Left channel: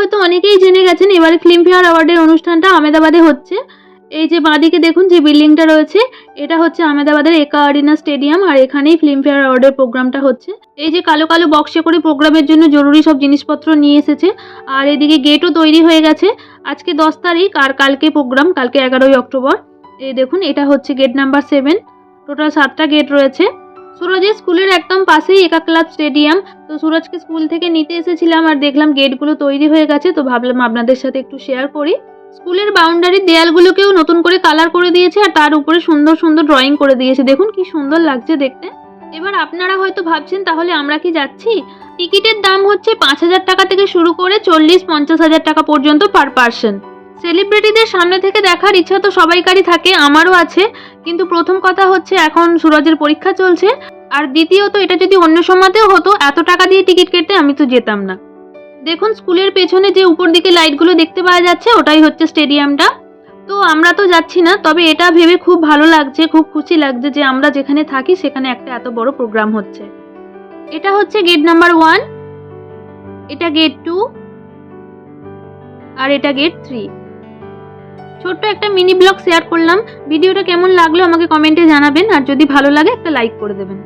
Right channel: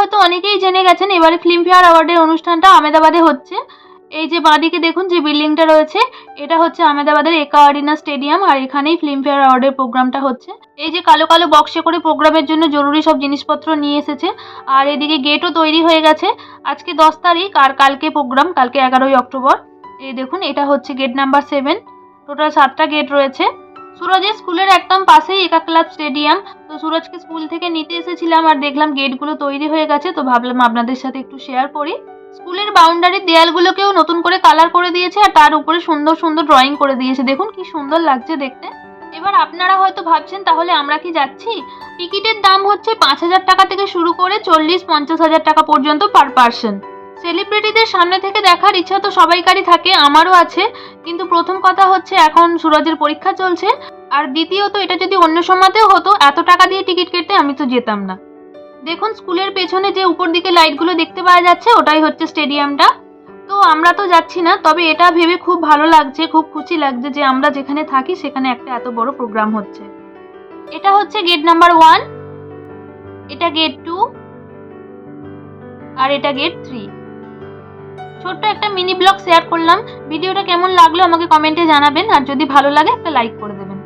হয়তো অনেকেই জেনে গেছেন, এবারে ফিল্মফেয়ার অ্যাওয়ার্ডের অনুষ্ঠানটা আহমেদাবাদে হচ্ছে। এই যে বাঁদিকে দেখুন যে বিল্ডিংটা রয়েছে, এটা হচ্ছে আহমেদাবাদের একা আরিনা স্টেডিয়াম, আর এখানেই ফিল্মফেয়ার অ্যাওয়ার্ডের প্রোগ্রামটা হচ্ছে। এই যে কালো কালো বক্সে করে প্রোগ্রামের জন্য জরুরি সব জিনিসপত্র নিয়ে এসেছে, আর এদিকে গেটও তৈরি হয়ে গেছে। আজকে 10 তারিখ আর কালকে প্রোগ্রাম, কালকে 11ই অক্টোবর। এই দেখুন এটা হচ্ছে গেট নাম্বার 7। টোটাল 7টা গেট রয়েছে। সুরজের স্কুলের একদম পাশেই একা ক্লাব স্টেডিয়াম। তো সুরজকে স্কুল থেকে নিতে এসেছিলাম আর দেখলাম গেটগুলো তৈরি হয়ে গেছে, তো ভাবলাম আপনাদের সাথে একটু শেয়ার করি। স্কুলের বাউন্ডারির দেয়ালগুলোকেও নতুন করে কালার করে দিয়েছে, আর তার উপরে সুন্দর সুন্দর ড্রয়িং করে দিয়েছে। দেখুন কি সুন্দর লাগছে দেখতে। এবার আপনারা হয়তো ভাবছেন তাহলে আমরা কি যাচ্ছি? টিকিটের দাম হচ্ছে 5,000 টাকা থেকে শুরু করে 40-50,000 টাকা পর্যন্ত পার পার্সন। সেলিব্রিটিদের সামনে থেকে দেখার ইচ্ছা তো সবাইকারই থাকে, আমারও আছে। কিন্তু প্রথম কথা হচ্ছে এখন সুরজের পরীক্ষা চলছে, আর দ্বিতীয়ত এটা যদি অন্য সময়তেও হতো, এত টাকা দিয়ে টিকিট কেটে আমি তো যেতাম না। দেখুন স্কুলের পেছনে যে উপর দিকে লাইটগুলো দেখতে পাওয়া যাচ্ছে, ওটাই হচ্ছে স্টেডিয়ামটা। তো আমরা তো যাচ্ছি না, তবে এটা ভেবে খুব ভালো লাগছে, খুব খুশি লাগছে যে আমরা যেখানে থাকি সেখানে একটা এত বড় প্রোগ্রাম হচ্ছে। এটা হচ্ছে গেট নাম্বার 1, এটা গেট 2, আর এটা গেট 3। ছোট্ট একটা মিনি ব্লগ শেয়ার করলাম। ভিডিওটা কেমন লাগলো আমাকে কমেন্টে জানাবেন, আর যদি ভালো লাগে একটা লাইক করে দেবেন।